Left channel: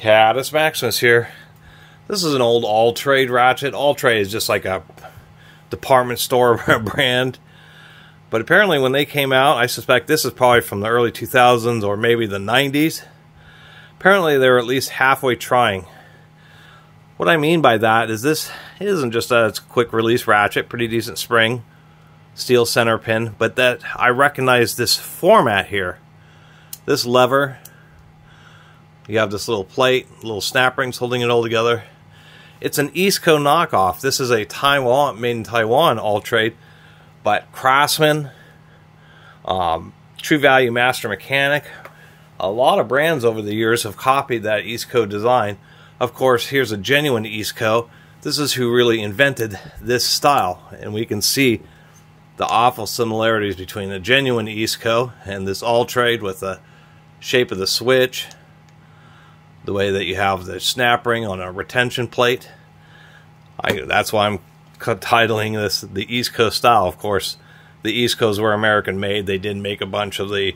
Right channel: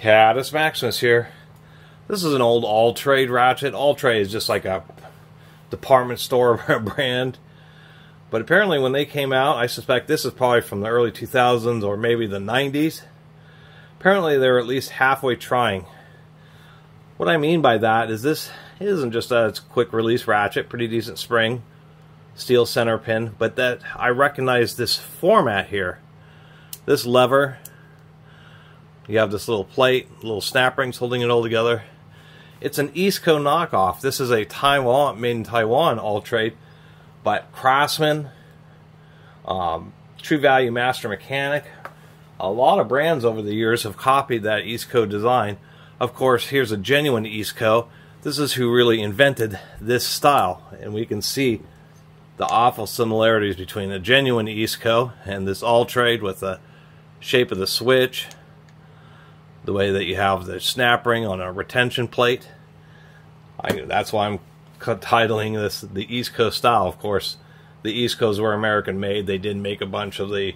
Catus Maximus here. This is an old Alltrade ratchet. Alltrade is just like a department store brand. But apparently when they came out, I suspect this is probably from the early 2000s or maybe the 90s. Apparently they were at least halfway trying. What I mean by that is this isn't just a quick release ratchet, pretty decent spring, steel center pin, but that I recognize this format here. This lever, you have this little plate, little snap rings holding it all together. It's an Easco knockoff. This is a Taiwan, made in Taiwan Alltrade, but Craftsman, True Value Master Mechanic, a lot of brands over the years have copied that Easco design. Of course, here's a genuine Easco. This is who really invented this style, and we can see the awful similarities between a genuine Easco and this Alltrade with the shape of the switch, the way that you have the snap ring on a retention plate. That's why I'm titling this the Easco style. Of course, the Eascos were American made. They did make a bunch of the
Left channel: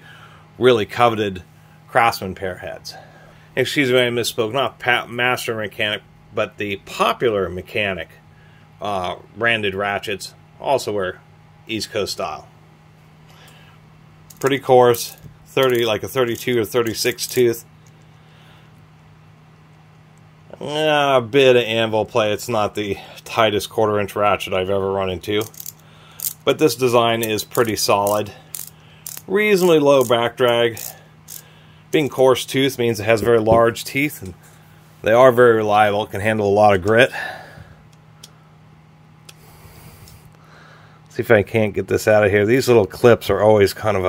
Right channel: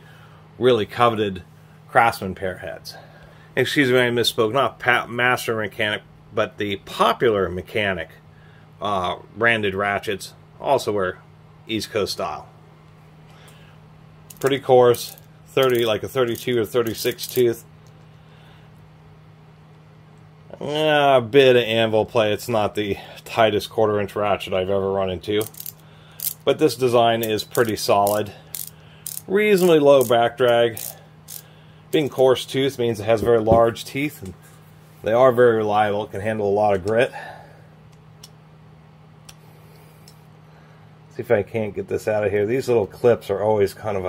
really coveted Craftsman pair heads. Excuse me, I misspoke. Not Master Mechanic, but the Popular Mechanic branded ratchets also were Easco style. Pretty coarse, like a 32 or 36 tooth. A bit of anvil play. It's not the tightest 1/4 inch ratchet I've ever run into, but this design is pretty solid. Reasonably low back drag. Being coarse tooth means it has very large teeth, and they are very reliable. It can handle a lot of grit. See if I can't get this out of here. These little clips are always kind of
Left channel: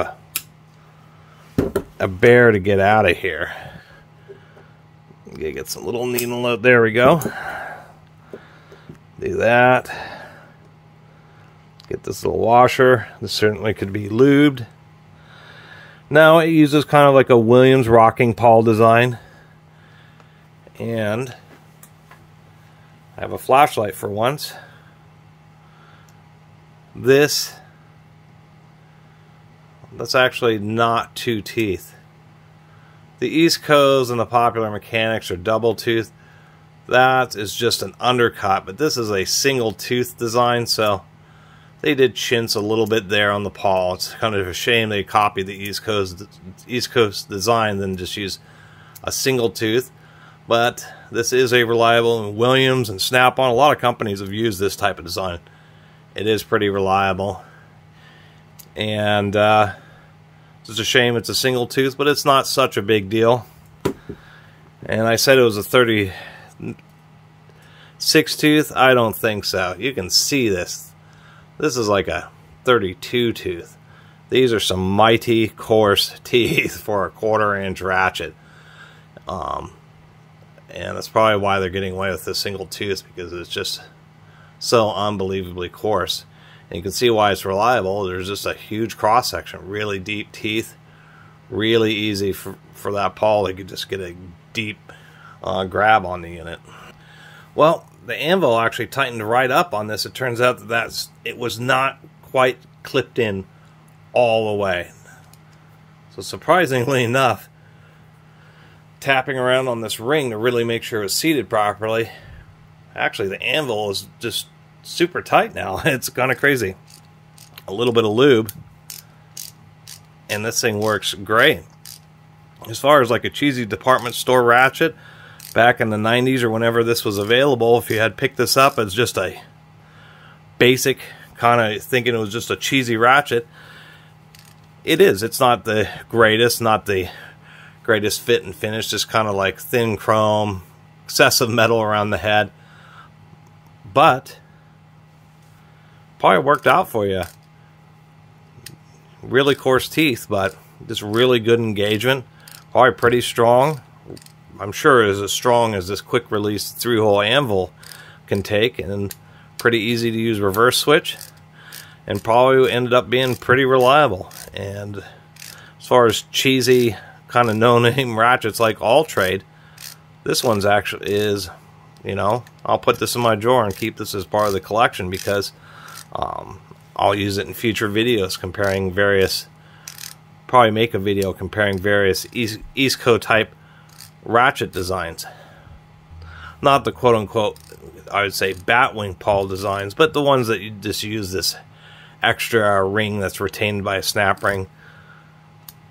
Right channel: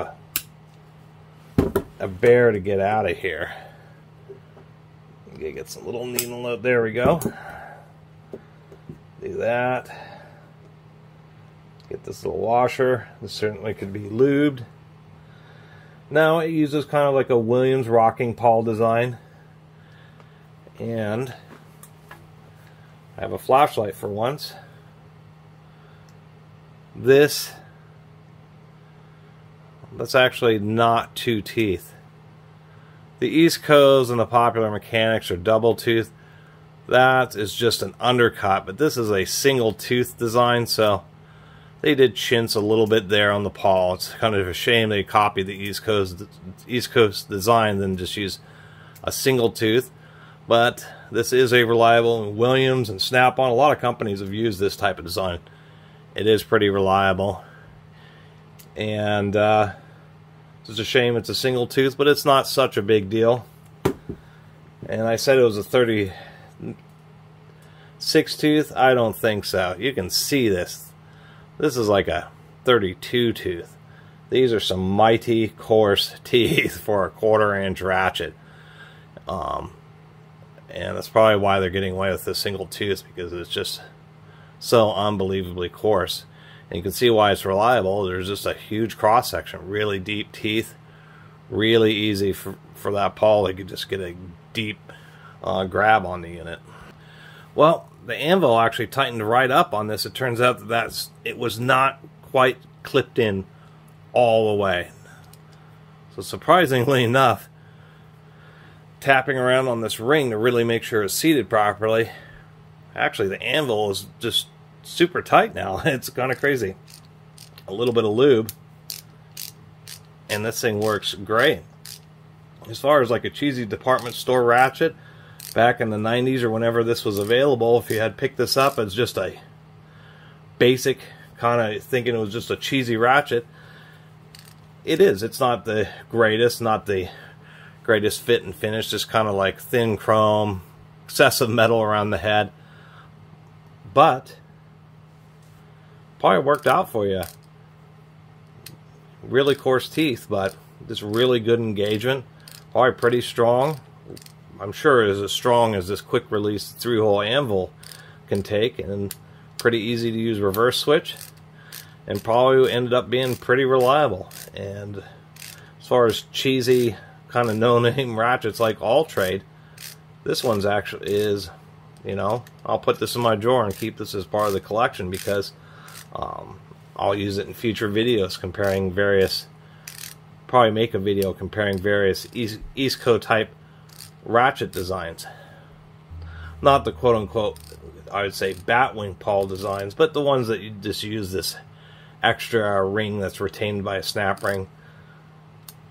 a bear to get out of here. Get some little needle out. There we go. Do that. Get this little washer. This certainly could be lubed. Now it uses kind of like a Williams rocking pawl design. And I have a flashlight for once. That's actually not 2 teeth. The Eascos and the Popular Mechanics are double tooth. That is just an undercut, but this is a single tooth design, so they did chintz a little bit there on the pawl. It's kind of a shame they copied the East Coast design and just use a single tooth. But this is a reliable Williams and Snap-on. A lot of companies have used this type of design. It is pretty reliable. And it's a shame it's a single tooth, but it's not such a big deal. And I said it was a 36 tooth. I don't think so. You can see this. This is like a 32 tooth. These are some mighty coarse teeth for a 1/4 inch ratchet. And that's probably why they're getting away with this single tooth, because it's just so unbelievably coarse. And you can see why it's reliable. There's just a huge cross section, really deep teeth, really easy for that pawl. They could just get a deep grab on the unit. Well, the anvil actually tightened right up on this. It turns out that it was not quite clipped in all the way. So surprisingly enough, tapping around on this ring to really make sure it's seated properly, actually the anvil is just super tight now. It's kind of crazy. A little bit of lube and this thing works great. As far as like a cheesy department store ratchet back in the 90s or whenever this was available, if you had picked this up as just a basic kind of thinking it was just a cheesy ratchet, it is. It's not the greatest, not the greatest fit and finish, just kind of like thin chrome, excessive metal around the head, but probably worked out for you. Really coarse teeth, but just really good engagement. Probably pretty strong. I'm sure it is as strong as this quick release 3-hole anvil can take, and pretty easy to use reverse switch, and probably ended up being pretty reliable. And as far as cheesy kind of no-name ratchets like Alltrade, this one's actually is, you know, I'll put this in my drawer and keep this as part of the collection, because I'll use it in future videos comparing various, probably make a video comparing various Easco type ratchet designs. Not the quote-unquote, I would say, batwing pawl designs, but the ones that you just use this extra ring that's retained by a snap ring.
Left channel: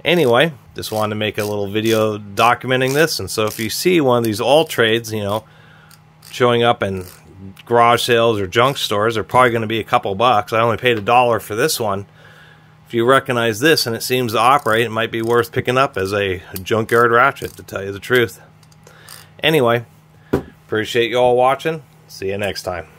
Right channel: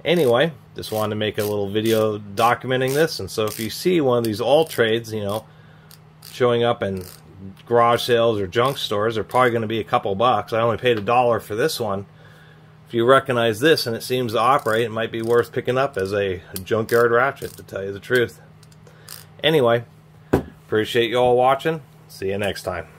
Anyway, just wanted to make a little video documenting this, and so if you see one of these Alltrades, you know, showing up in garage sales or junk stores, they're probably going to be a couple bucks. I only paid $1 for this one. If you recognize this and it seems to operate, it might be worth picking up as a junkyard ratchet, to tell you the truth. Anyway, appreciate you all watching. See you next time.